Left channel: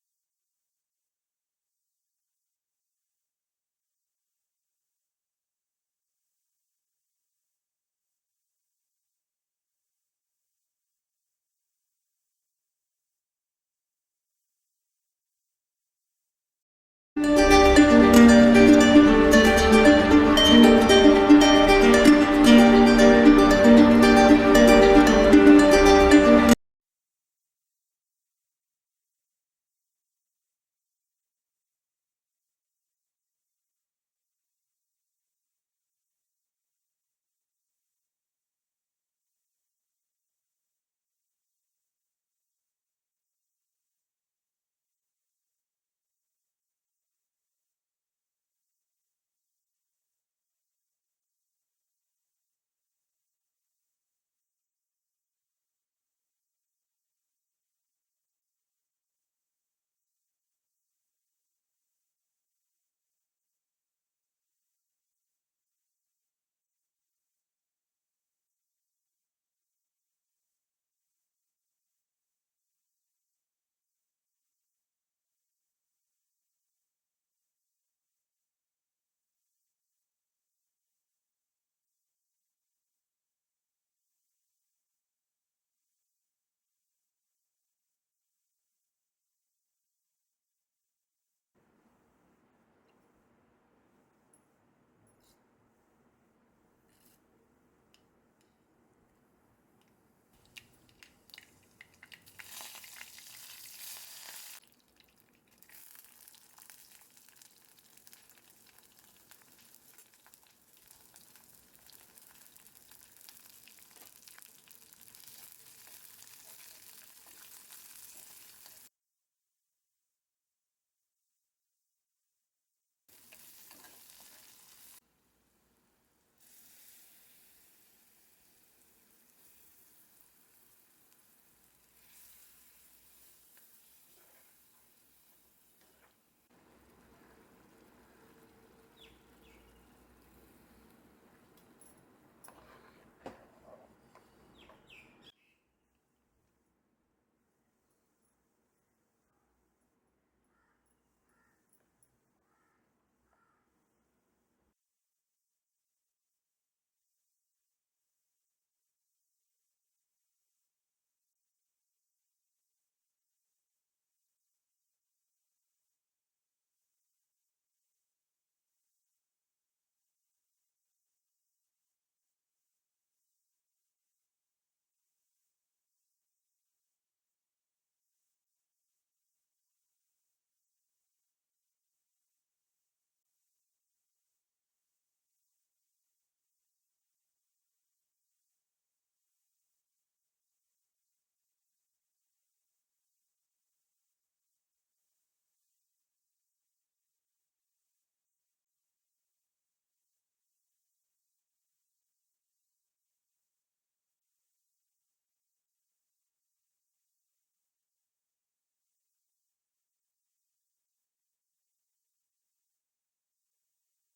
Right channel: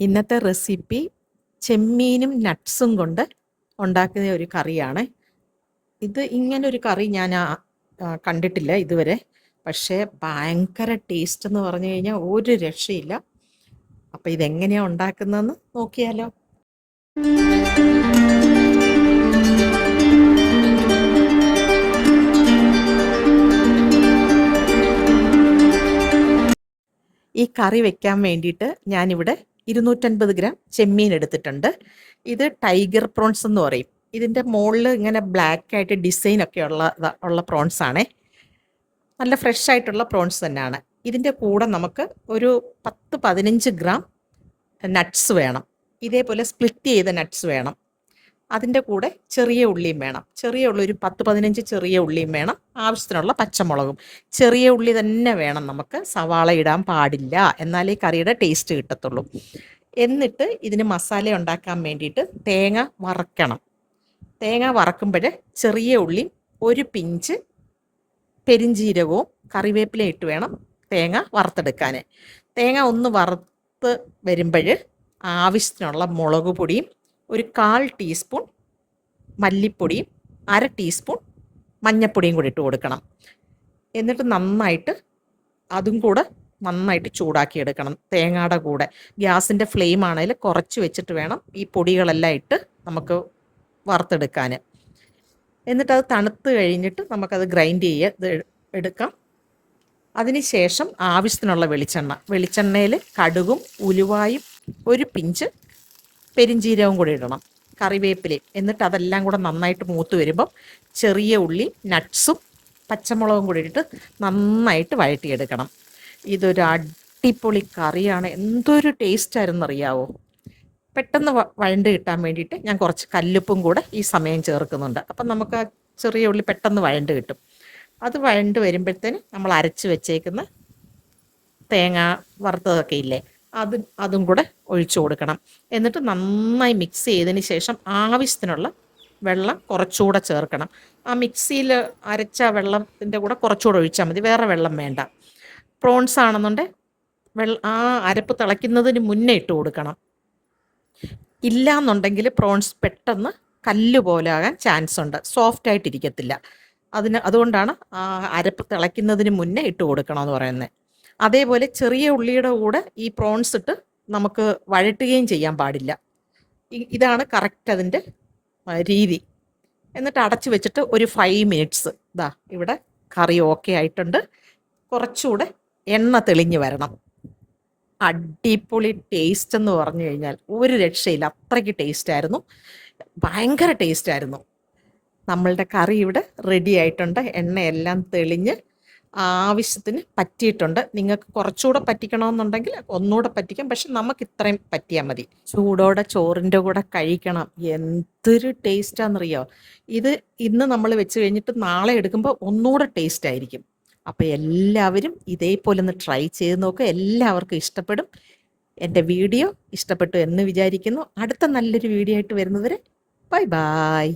ഇന്നത്തെ റെസിപ്പി ചെമ്മീനും നട്ട്സും കൊണ്ട് ഉണ്ടാക്കുന്ന ഒരു കറിയാണ്. ഇത് ഇങ്ങനൊരു കറി ഞാൻ കണ്ടിട്ടില്ല ഇതുവരെ. പക്ഷേ ഭയങ്കര ടേസ്റ്റ് എന്ന് പറഞ്ഞു കഴിഞ്ഞാൽ ഒരു രക്ഷയില്ല. അപ്പോൾ ഇതെങ്ങനെയാണ് ഉണ്ടാക്കുന്നതെന്ന് നോക്കിയാലോ. ഈ കറി വെക്കാൻ വേണ്ടിയിട്ട് ഞാനിവിടെ 250 ഗ്രാം ചെമ്മീൻ എടുത്തിട്ടുണ്ട്. ഇത് ടൈഗർ പ്രോൺസ് എന്ന് പറയും. ഇതിൻ്റെ മുകളിൽ ഇങ്ങനെ ബ്ലാക്ക് ആയിട്ട് ഡിസൈനൊക്കെ ഉള്ള പ്രോൺസ് ആണേ. നല്ല ഫ്രഷ് ആയിട്ടുള്ള പ്രോൺസ് തന്നെയാണ്. ഇതിൻ്റെ കൂടെ നമുക്ക് ഒരു 10-15 ഗ്രാം നട്ട്സ് വേണം. ഇതേപോലെ സ്പ്ലിറ്റ് ചെയ്ത നട്ട്സ് വേണം. അതിൻ്റെ കൂടെ ചെറിയ ഉള്ളിയും വേണം. ചെറിയ ഉള്ളി ഒരു 10-15 ചെറിയ ഉള്ളിയും വേണം. ആവശ്യത്തിനുള്ള പച്ചമുളകും. ചെറിയ ഉള്ളി തന്നെ വേണം നമുക്ക്, സവാള ഇടാൻ പാടില്ല. എന്നാലേ കറിയുടെ ടേസ്റ്റ് കിട്ടത്തുള്ളൂ. എന്നിട്ട് ഇതിന് മസാല ഉണ്ടാക്കാൻ വേണ്ടിയിട്ട് തേങ്ങ വറക്കണം. തേങ്ങ വറക്കുമ്പോൾ ചെറിയ ഉള്ളിയും ഒരു പിഞ്ച് പെരിഞ്ജീരകവും കറിവേപ്പിലയും ഇട്ട് വേണം തേങ്ങ വറുത്തെടുക്കാൻ. തേങ്ങ ഒന്ന് വറുത്ത് വരുമ്പോൾ ആവശ്യത്തിനുള്ള മുളക് പൊടിയും ഒരു 1/4 ടീസ്പൂൺ മല്ലിപ്പൊടിയും 1/2 ടീസ്പൂൺ മഞ്ഞൾപ്പൊടിയും കൂടി ഇട്ട് കൊടുക്കണം. എന്നിട്ട് അതും കൂടെ നന്നായിട്ട് ചൂടാക്കി എടുക്കണം തേങ്ങയുടെ കൂടെ. ഗ്യാസിൻ്റെ ഫ്ലെയിം ആണെങ്കിൽ കുറച്ച് വെച്ചിട്ട് വേണം ഈ പൊടികളെല്ലാം ഇട്ട് നമുക്ക് വറുത്തെടുക്കാൻ. എന്നിട്ടത് തണുത്ത് കഴിഞ്ഞിട്ട് നമുക്കത് ഗ്രൈൻഡ് എടുക്കാം. അതിന് ശേഷം ആവശ്യത്തിനുള്ള വെളിച്ചെണ്ണയിൽ കടുകും ഉലുവായും ഒരു പിഞ്ച് പെരിഞ്ജീരകവും കൂടി ഇടണം, കറിവേപ്പിലയും. എന്നിട്ട് അതെല്ലാം കൂടെ നന്നായിട്ട് മൂത്ത് വരുമ്പം ചെറിയ ഉള്ളി, നട്ട്സും പച്ചമുളകും കൂടി ഇട്ട് നന്നായിട്ട് വഴറ്റിയെടുക്കണം. ഇതൊരു അടിപൊളി കറിയാണ്. എന്തൊരു ടേസ്റ്റായിരുന്നു അറിയാവോ. പെട്ടെന്ന് വഴണ്ട് കിട്ടാൻ വേണ്ടിയിട്ട് ഞാൻ കുറച്ച് കല്ലുപ്പും കൂടെ ഈ സമയം ചേർക്കുന്നുണ്ട്. അപ്പം നമുക്ക് ആ ചെറിയ ഉള്ളി പെട്ടെന്ന് വഴണ്ട് കിട്ടും. അത് വഴണ്ട് വരുമ്പോഴത്തേന് നമ്മൾ അരച്ച് വെച്ചേക്കുന്ന തേങ്ങ വറുത്തതൊക്കെ ഇല്ലേ, അതും കൂടെ ഒഴിച്ചു കൊടുക്കണം. എന്നിട്ട് നന്നായി മിക്സ് ചെയ്തതിന് ശേഷം ആവശ്യത്തിനുള്ള വെള്ളം കുറച്ചുകൂടെ ചേർക്കണം. ആ മിക്സിയിൽ അരച്ച വെള്ളത്തിൻ്റെ കൂടെ കുറച്ചുകൂടെ ഒഴിച്ചാൽ മതി, വേറെ വെള്ളം വേണ്ട. പ്രോൺസ് ആണെന്നുണ്ടെങ്കിൽ ആ അരപ്പ് തിളയ്ക്കുന്നതിന് മുന്നേ ഇട്ട് കൊടുക്കണം. ഇല്ല എന്നുണ്ടെങ്കിൽ പ്രോൺസ് പെട്ടെന്ന് കല്ല് പോലെ ആകാൻ ചാൻസ് ഉണ്ട്, സോഫ്റ്റ് ആയിട്ടിരിക്കത്തില്ല. അതുകൊണ്ടാണ് അരപ്പ് തിളയ്ക്കുന്നതിന് മുന്നേ ഇട്ട് കൊടുക്കണമെന്ന് പറയുന്നത്. അതേപോലെ ചെറിയ ഉള്ളിയുടെ കൂടെ ഈ പ്രോൺസ് ഇട്ട് നമുക്ക് വഴറ്റുകയും ചെയ്യാൻ പാടില്ല. ഇതാണ് കറക്റ്റ് അതിൻ്റെ രീതി. എന്നിട്ട് അടച്ചു വെച്ചിട്ട് ഒരു 5 മിനിറ്റ്സ്. ഇവിടെ കറി ഓക്കെ ആയിട്ടുണ്ട്. കുറച്ചുകൂടെ എണ്ണ തെളിഞ്ഞ് വരണം. അടിപൊളി ടേസ്റ്റ് എന്ന് പറഞ്ഞു കഴിഞ്ഞാൽ ഒരു രക്ഷയില്ല, അത്രയ്ക്ക് ടേസ്റ്റായിരുന്നു, ഭയങ്കര ടേസ്റ്റായിരുന്നു. നമ്മളുടെ കറി ഇവിടെ റെഡി ആയിട്ടുണ്ട്. എണ്ണയെല്ലാം തെളിഞ്ഞ് ആവശ്യത്തിന് പറ്റിയിട്ടുണ്ട്. നിങ്ങൾക്ക് കുറച്ചുകൂടെ പറ്റിക്കണമെന്നുണ്ടെങ്കിൽ ഒന്നുകൂടെ പറ്റിക്കാം, പക്ഷെ നമുക്ക് ഇത്രയും പറ്റിയാൽ മതി. ചൂടോടെ ചോറിൻ്റെ കൂടെ കഴിക്കണം. എന്തൊരു ടേസ്റ്റാണെന്നറിയോ. ഇത് ഇന്ന് നമ്മൾ വെച്ച് കഴിഞ്ഞിട്ട് നാളെ എടുക്കുമ്പോൾ ഒന്നുകൂടെ ടേസ്റ്റ് ആയിരിക്കും. അപ്പോൾ എല്ലാവരും ഇതേപോലെ ഒന്ന് ട്രൈ ചെയ്ത് നോക്കുക. എല്ലാവർക്കും ഇഷ്ടപ്പെടും. എൻ്റെ വീഡിയോ ഇഷ്ടപ്പെട്ടു എന്ന് വിചാരിക്കുന്നു. അടുത്ത നല്ലൊരു വീഡിയോ ആയിട്ട് വരുന്നവരെ ബൈ ബൈ.